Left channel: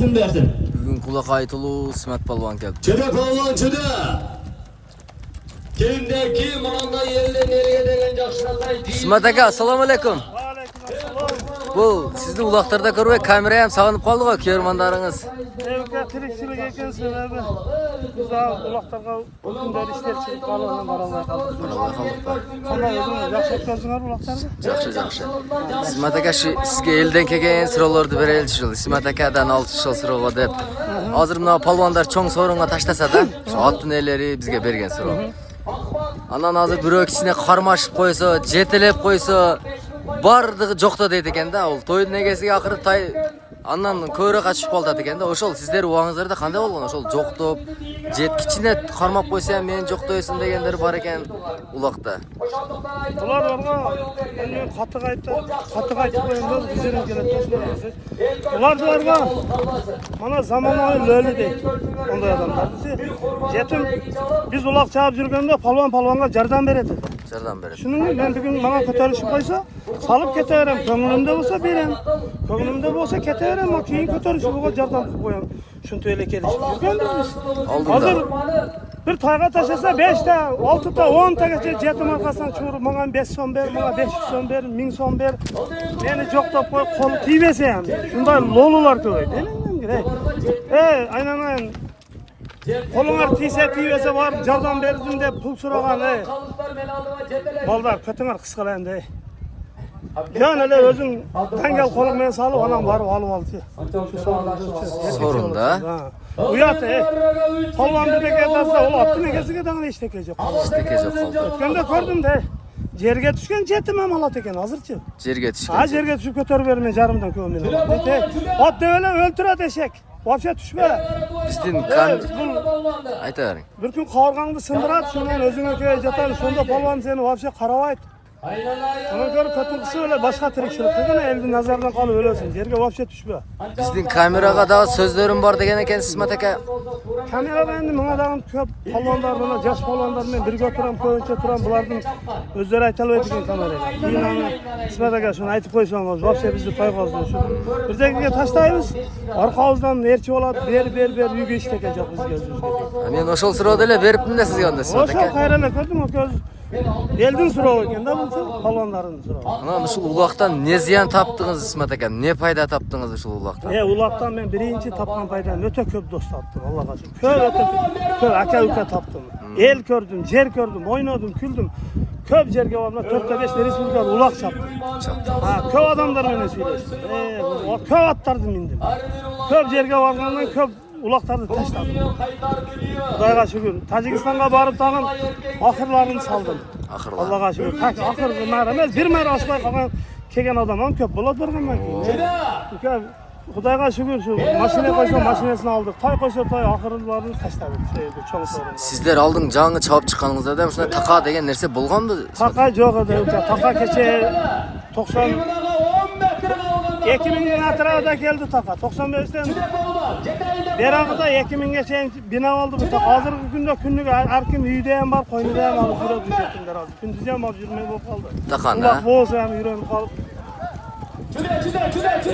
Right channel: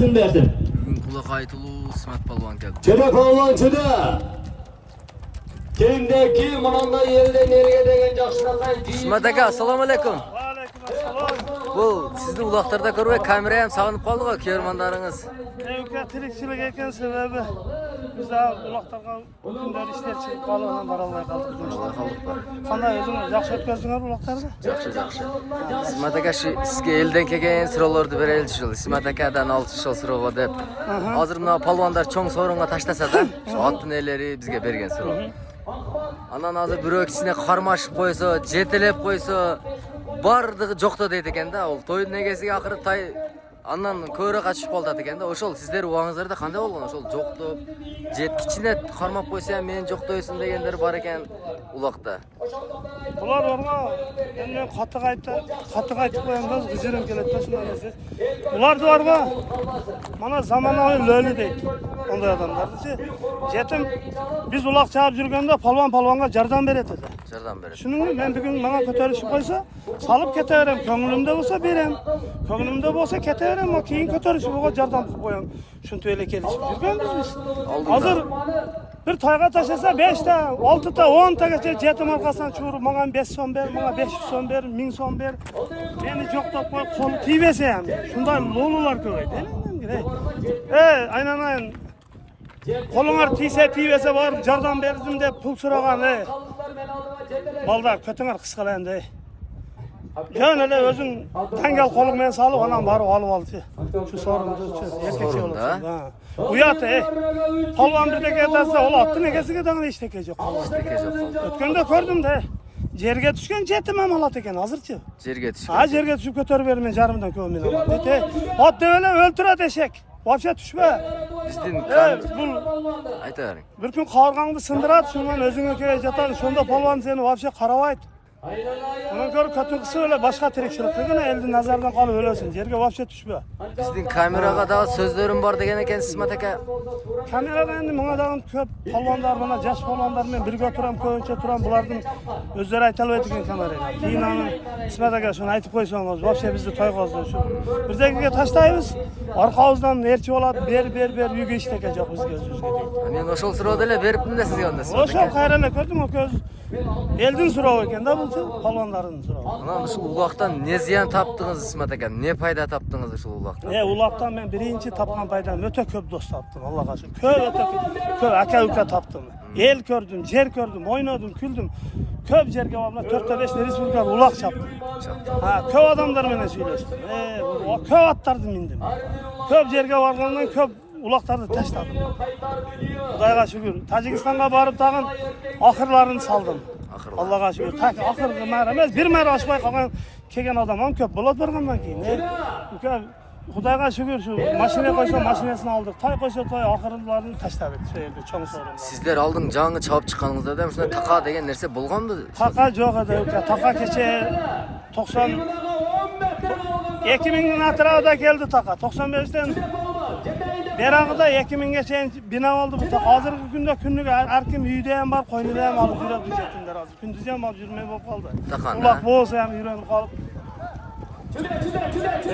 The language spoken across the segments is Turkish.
Bahanesini versin. Bugün kulak aytılı İsmet Palvan geldi. Çöre Palvançı'da. Kimde kim anda yerine nereye degen yaşlatay. İsmet aka, assalomu alaykum. Aleykümselam. Bu sizni uloqlarda ko'rib, kamera ham sog'inib qoldi go, ko'rmanlaringiz. Evga tirikchilik ekan sebebi. Biz uloqlarga kunlar ishlar chiqib qolgan bora olmay qoldik. Alloh xalq bor. Qanday o'zingiz yaxshi o'tkazinglar uloqlarni? Yaxshi. İsmet aka sizga eldan kelgan so'rovlarni beraylik. İsmet akadan 6 yil so'rov deb. Hozir mana palvonlar cho'ng so'rovga tashlasa-da, shu otneleri bizga bergan so'rov. Anan hozir birov kichkina qarmashib qo'ysa, jetilab qo'ysa, bardig'i jo'qda deydi ekanda, u to'yning egasiga oxiri tay andan ko'ra qochib qoldi ekanda. O'shol sizlar uangizlarda qanday bo'lgan? O'shol jo'qtib, jet kichkina qarmab qo'ysa ham men jo'qtoysin deganlar bor ekan uloqda. Bular borga endi qattiq aytib qo'yanda g'ijirim keladi shunday. Bular borga mana zamonaviy lo'li deydi. Onday odamlarni jetim biz uloq chaqib yurganda palvonga yordam beradi. Yordam beradi. Shuning men bugun menga ko'tarishib qo'ysa, salib ketaveram, ko'nglimda bo'lsa berem. Ko'nglimda bo'lsa ketaveram, men keyin ko'tarishib bo'lsa yordam qilib qo'yam. Shunday kelishib yurganmiz biz. Hozir bir toyga tashlasa 5 ta, 6 ta, 10 tagacha jetim orqasidan churib, menga 5 so'm ber, menga 500 so'm ber, 1000 so'm ber. Meni jo'qtab qo'y, qo'li tiyversa ham. Shunday lo'lular ko'paydi. Aynan qo'linglar tiyversa borib yordam berdim deb pul so'ragan, Baldar kötünger qisqalandi. Yana o'zing dangal qo'ling bilan solib, onam borib olib oldi. Shu so'rimni Sorunda. Uyat, Palvon birdek aytsa, ol otning egasiga dag'in hech narsa yo'q qoldi. Hech narsa yo'q qoldi. O'tganda ko'rdim-da. Yerga tushgan jetim ham olat ekan hozirchi. Yerga tushgan. Ha, yerga tushib ko'tarib bermay jarimidan ko'min olat. Deydi, ot devela o'ltiradi eshak. Boshqa tushma. Bizdin aytaring. Bir kun qovurg'angni sindiradi, shundan o'zingga kelib jatadi. Shunda palvon seni vobsha qaramaydi. Ona ko'ra qattiqsi o'la boshqa tirikchilik qilgan, elning nazaridan qolib o'lasin. Yerga vobsha tushma. Bizdin kameraga da so'zlarim bor degan ekan İsmet aka. Kamerada endi menga dag'in ko'p palvonlar bilan, yosh palvonlar bilan birga o'tiram, ko'pincha turam. Bularning o'zlari aytolmaydi ekan kameraga. Keyin İsmet aka shuni aytib qo'ysangiz, vobsha bizni to'yg'ozdi shu. Bir joyga tashlaymiz. Orqamizdan nerchi oladi, ber, uyga ishtakan yo'q bizga o'zimizga deydi. Men o'shol so'rovdalar beribdim-da sizga onda İsmet aka. O'shol qayralar ko'rdim, o ko'z eldan so'rov ekanda bu palvonlarning so'rovi. Ana shu uloqdan ne ziyon topdingiz İsmet aka? Ne foyda topdingiz shu uloqdan? Uloqdan men birinchi topgan foydam o'ta ko'p do'st topdim, Allohga shukr. Ko'p aka topdim. El ko'rdim, yer ko'rdim, o'ynadim, kuldim. Ko'p yerga borib 4 ta 5 respublika uloq chapdim. Ha, ko'p odamlar bilan söylashdim. Ko'p otlarni mindim. Ko'p yerga borgandan ko'p uloqlarni tashladim. Xudoga shukr. Tojikistonga borib tag'in oxirlarini soldim. Allohga shukr. Oxirgi mara emas, bir mara oshmay qolgan kelgan odam ham ko'p bo'ladi borgandan keyin. Xudoga shukr, shu mashina qo'ysa mashinasini oldik. Toy qo'ysa toy oxirlarini tashladik shu yerda cho'ng so'rinda. Sizlar oldin jang'i chopib chiqqaningizda ham shunday taqa degan narsa bo'lganmi? Taqa yo'q edi, taqa kecha 90 2000 atrofida keldi taqa. 95dan berag'ida 2000 gacha bino oldi bu taqa. Hozirgi kunda kunniga har kim uyda ham bor, qo'ynida ham olib yuradi jetimlar hozir. Kunduzi ham olib yurmay bo'lib qoldi. Uloq bo'lsa ham yurib qolib.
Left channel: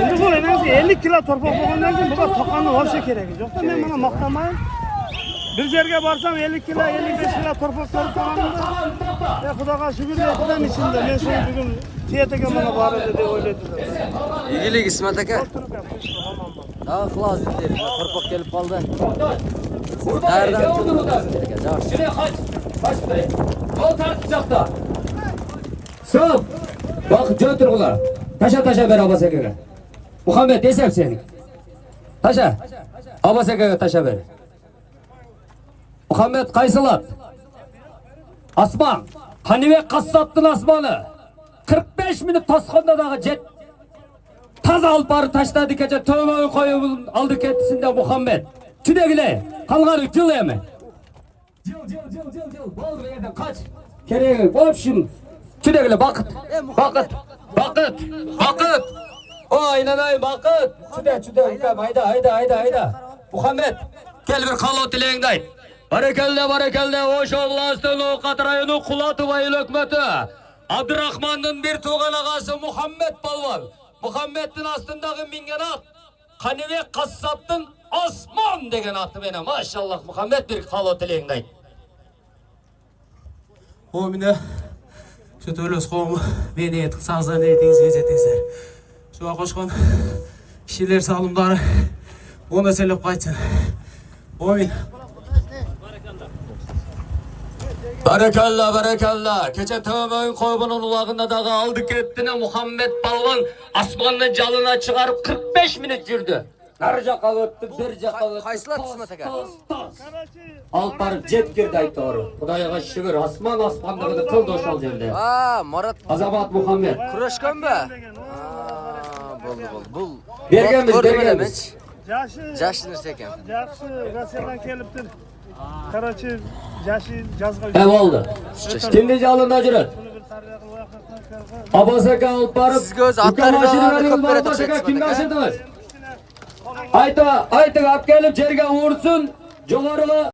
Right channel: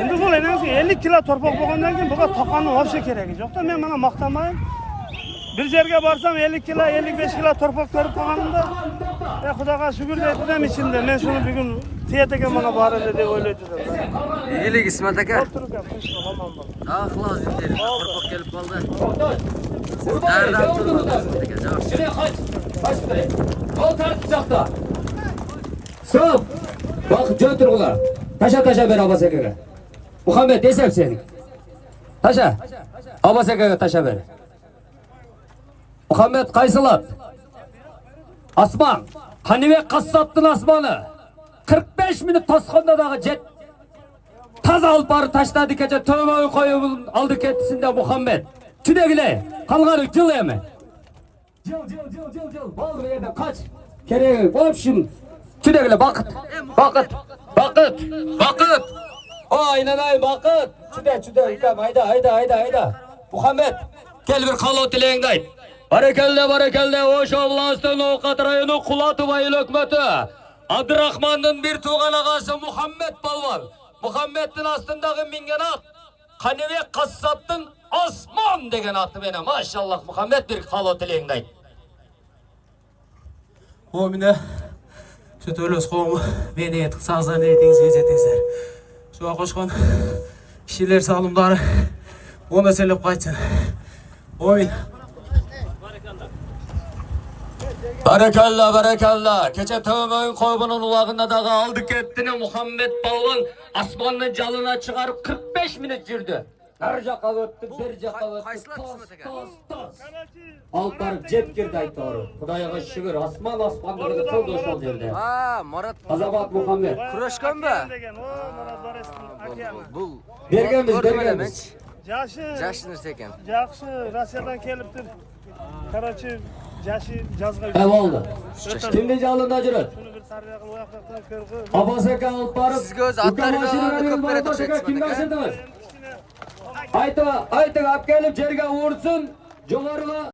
Endi bu endi 50 kilo torpoq bo'lgandan keyin buga taqani olsa keragi yo'q-da. Men mana maqtamayman. Bir yerga borsam 50 kilo, 55 kilo torpoq ko'rib qolganimda, Xudoga shukr deydim ichimda. Men shuni bugun tiyataga mana boradi deb o'ylaydim. Iyilik İsmet aka. Daha xalos endi, torpoq kelib qoldi. Nereden turibdi? Şuraya kaç buraya. Kol tartışacakta. Stop. Bak götürüyorlar. Taşa ver Abasaka'ya. Muhammed desem senin. Taşa. Abasaka'ya taşa ver. Muhammed Kaysalat. Asman. Hanive kassattın asmanı. 45 minut tasqandadağı jet. Taza alıp barı taşladı gece tövbe koyup aldık etisinde Muhammed. Tüdegile. Kalgarı cıl yeme. Cıl. Bal bir yerden kaç. Kereye bolup şimdi. Tüdegile bakıt. O aynen bakıt. Tüde. Hayda. Muhammed. Gel bir kalot dileğinde ayt. Barakelde. Hoş Allah'ın o katrayını kulatı bayıl hükmeti. Abdurrahman'ın bir tuğan ağası Muhammed Balvan. Muhammed'in astındaki mingenat. Kanibek Kassap'tın Osman degen atı beni. Maşallah Muhammed bir halo tileyingni ayt. O mine şu töles qo'mi meni etib sağzan etingizga jetingizlar. Şuga qo'shgan kishilar salomlari ona selep qaytsin. Omin. Barakallah barakallah. Kecha Tömoy qo'ybuning ulag'ında dağı aldı ketdini Muhammed Palvon osmonning jalına çıkarıp 45 minut yurdi. Nari жаққа o'tdi, bir жаққа o'tdi. Qaysilar İsmat aka? Alp barib jet kirdi ayt to'g'ri. Xudoga shukr, osmonligida to'ldi o'shal yerda. Ha, Murat Azamat Muhammed. kurashganmi? Bo'ldi. Bul. Berganmiz, Ko'rdim berganmiz. Jashni ekan. Yaxshi, Rossiyadan kelibdir. Qarachi, yashi jazg'a Ev oldu. Kimdi jalını ajrat? Shuni bir tarbiya qilib vaqtdan ko'rib. Abbos aka olib borib. Sizga o'zi atlarga ko'p beradi o'xshaydi. Kimni ashirdiz? Ayta, olib kelib yerga ursin. Jo'g'ariga